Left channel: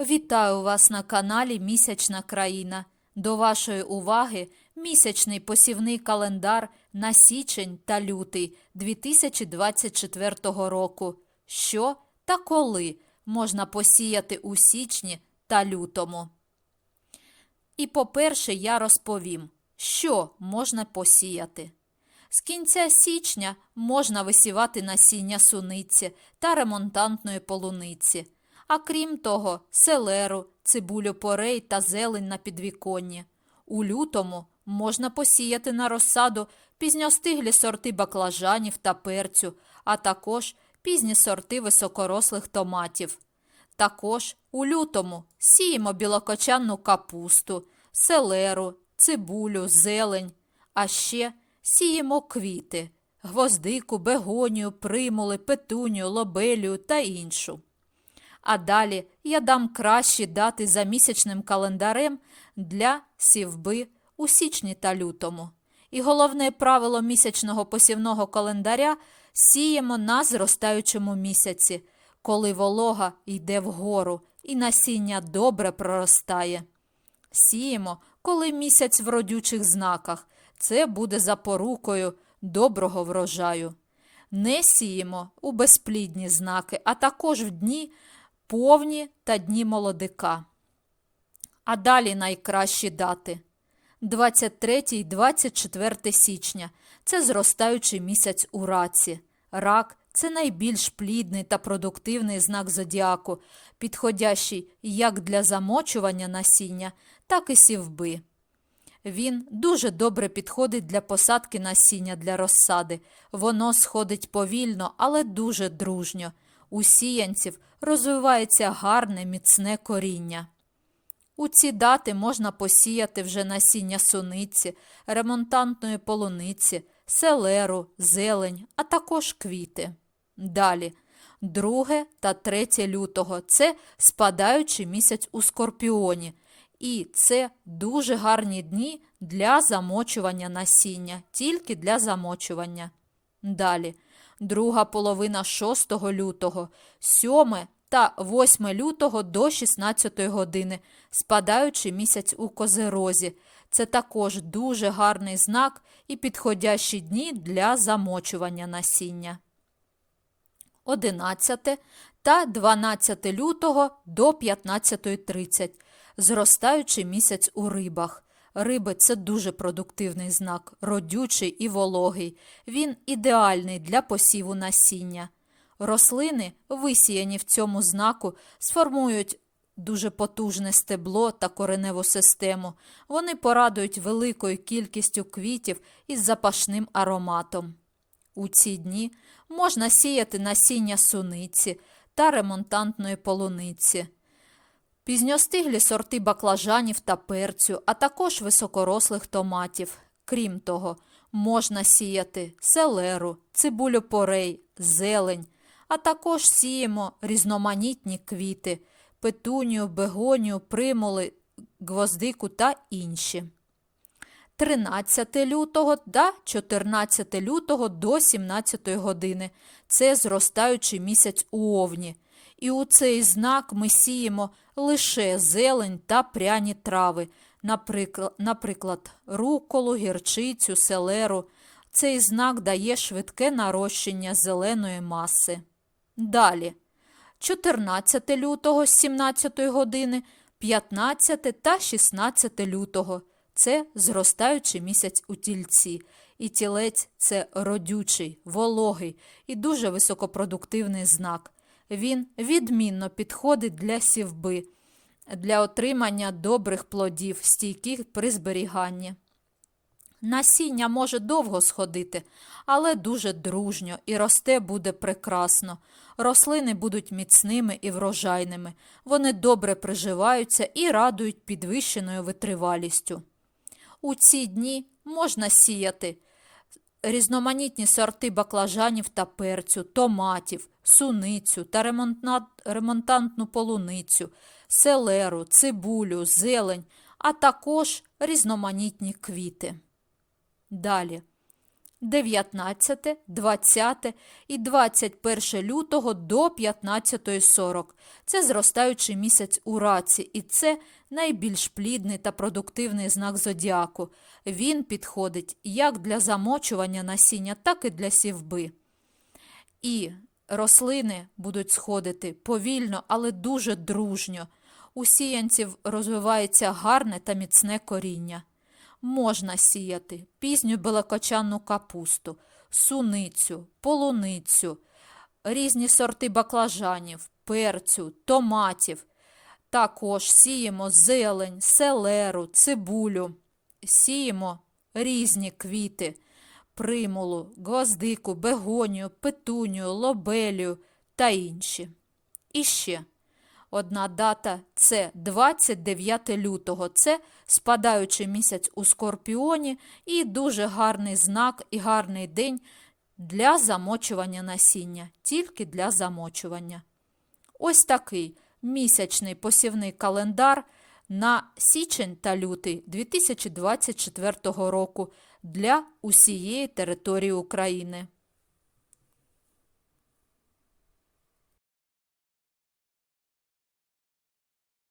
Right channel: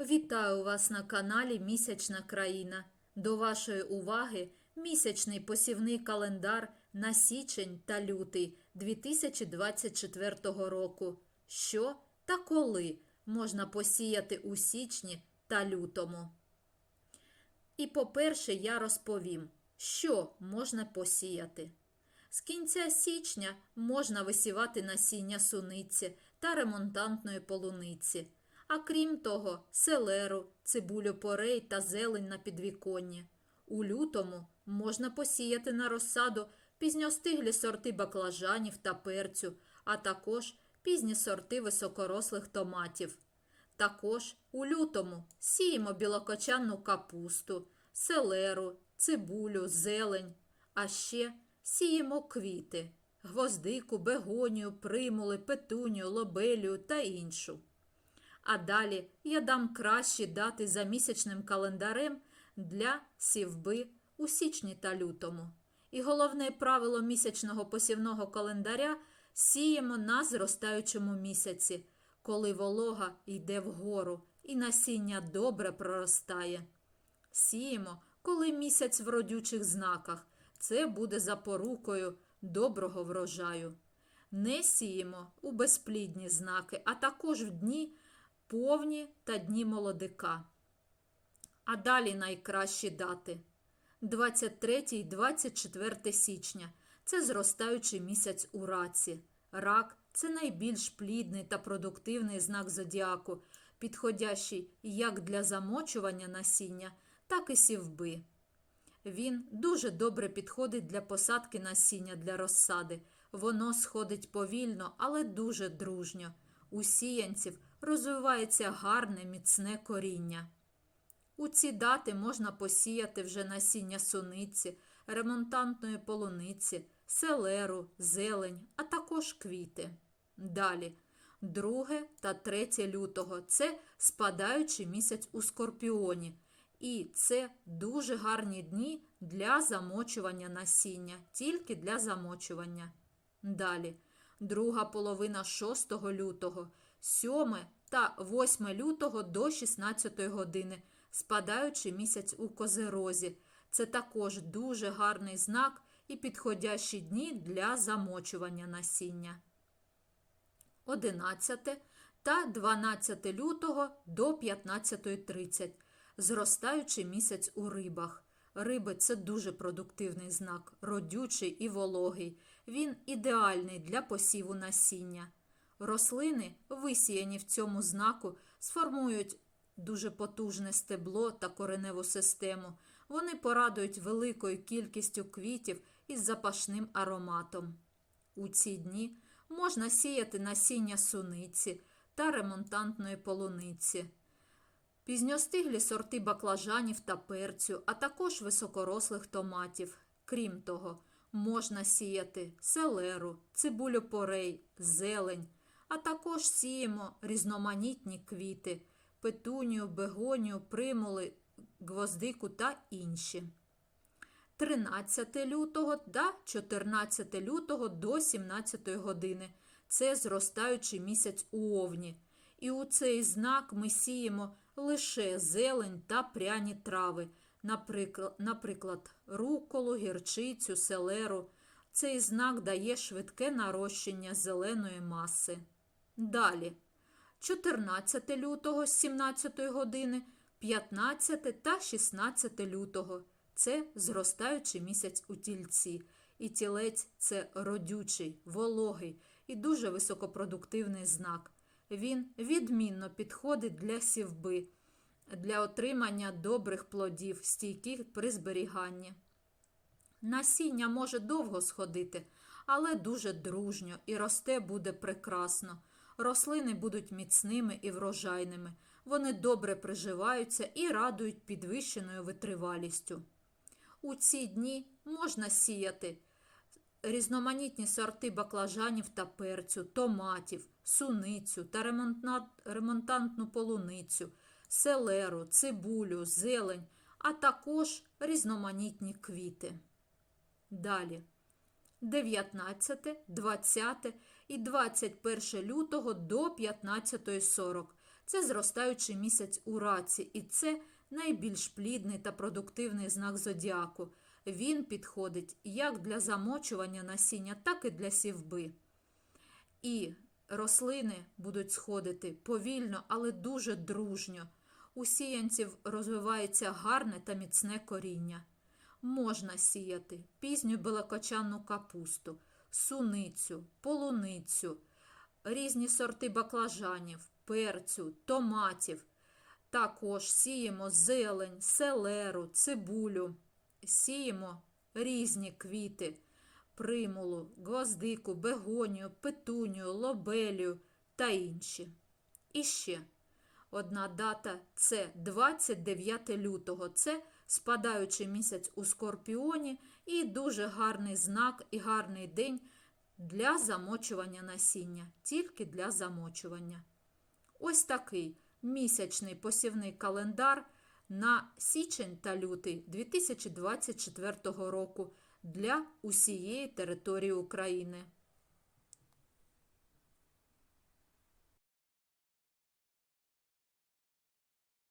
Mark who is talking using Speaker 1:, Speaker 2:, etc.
Speaker 1: Вітаю вас на каналі Місячна країна. До вашої уваги місячний посівний календар на січень та лютий 2024 року. Що та коли можна посіяти у січні та лютому? І по-перше, я розповім, що можна посіяти. З кінця січня можна висівати насіння суниці та ремонтантної полуниці, а крім того, селеру, цибулю порей та зелень на підвіконні. У лютому можна посіяти на розсаду пізньостиглі сорти баклажанів та перцю, а також пізні сорти високорослих томатів. Також у лютому сіємо білокочанну капусту, селеру, цибулю, зелень, а ще сіємо квіти, гвоздику, бегонію, примули, петунію, лобелію та іншу. А далі я дам кращі дати за місячним календарем для сівби у січні та лютому. І головне правило місячного посівного календаря сіємо на зростаючому місяці, коли волога йде вгору і насіння добре проростає. Сіємо, коли місяць в родючих знаках. Це буде запорукою доброго врожаю. Не сіємо у безплідні знаки, а також в дні повні та дні молодика. А далі найкращі дати 23 і 24 січня це зростаючий місяць у раці. Рак це найбільш плідний та продуктивний знак зодіаку, підходящий як для замочування насіння, так і сівби. Він дуже добре підходить для посадки насіння для розсади. Воно сходить повільно, але дуже дружньо. У сіянців розвивається гарне міцне коріння. У ці дати можна посіяти вже насіння суниці, ремонтантної полуниці, селеру, зелень, а також квіти. Далі, 2 та 3 лютого це спадаючий місяць у скорпіоні. І це дуже гарні дні для замочування насіння, тільки для замочування. Далі, друга половина 6 лютого, 7 та 8 лютого до 16 години, спадаючий місяць у козерозі. Це також дуже гарний знак і підходящі дні для замочування насіння. 11 та 12 лютого до 15.30 зростаючий місяць у рибах. Риби це дуже продуктивний знак, родючий і вологий. Він ідеальний для посіву насіння. Рослини, висіяні в цьому знаку, сформують дуже потужне стебло та кореневу систему. Вони порадують великою кількістю квітів із запашним ароматом. У ці дні можна сіяти насіння суниці та ремонтантної полуниці пізньостиглі сорти баклажанів та перцю, а також високорослих томатів. Крім того, можна сіяти селеру, цибулю порей, зелень, а також сіємо різноманітні квіти, петунію, бегонію, примули, гвоздику та інші. 13 лютого та 14 лютого до 17 години. Це зростаючий місяць у овні. І у цей знак ми сіємо лише зелень та пряні трави, наприклад, руколу, гірчицю, селеру. Цей знак дає швидке нарощення зеленої маси. Далі, 14 лютого з 17 години, 15 та 16 лютого це зростаючий місяць у тільці. І тілець це родючий, вологий і дуже високопродуктивний знак. Він відмінно підходить для сівби, для отримання добрих плодів, стійких при зберіганні. Насіння може довго сходити, але дуже дружньо і росте буде прекрасно. Рослини будуть міцними і врожайними, вони добре приживаються і радують підвищеною витривалістю. У ці дні можна сіяти різноманітні сорти баклажанів та перцю, томатів, суницю та ремонтантну полуницю, селеру, цибулю, зелень, а також різноманітні квіти. Далі. 19, 20 і 21 лютого до 15.40 Це зростаючий місяць у раці, і це найбільш плідний та продуктивний знак зодіаку. Він підходить як для замочування насіння, так і для сівби. І рослини будуть сходити повільно, але дуже дружньо. У сіянців розвивається гарне та міцне коріння. Можна сіяти пізню белокочанну капусту, суницю, полуницю, різні сорти баклажанів, перцю, томатів. Також сіємо зелень, селеру, цибулю, сіємо різні квіти, примулу, гвоздику, бегонію, петунію, лобелію та інші. І ще одна дата це 29 лютого. Це спадаючий місяць у Скорпіоні і дуже гарний знак і гарний день для замочування насіння, тільки для замочування. Ось такий місячний посівний календар на січень та лютий 2024 року для усієї території України.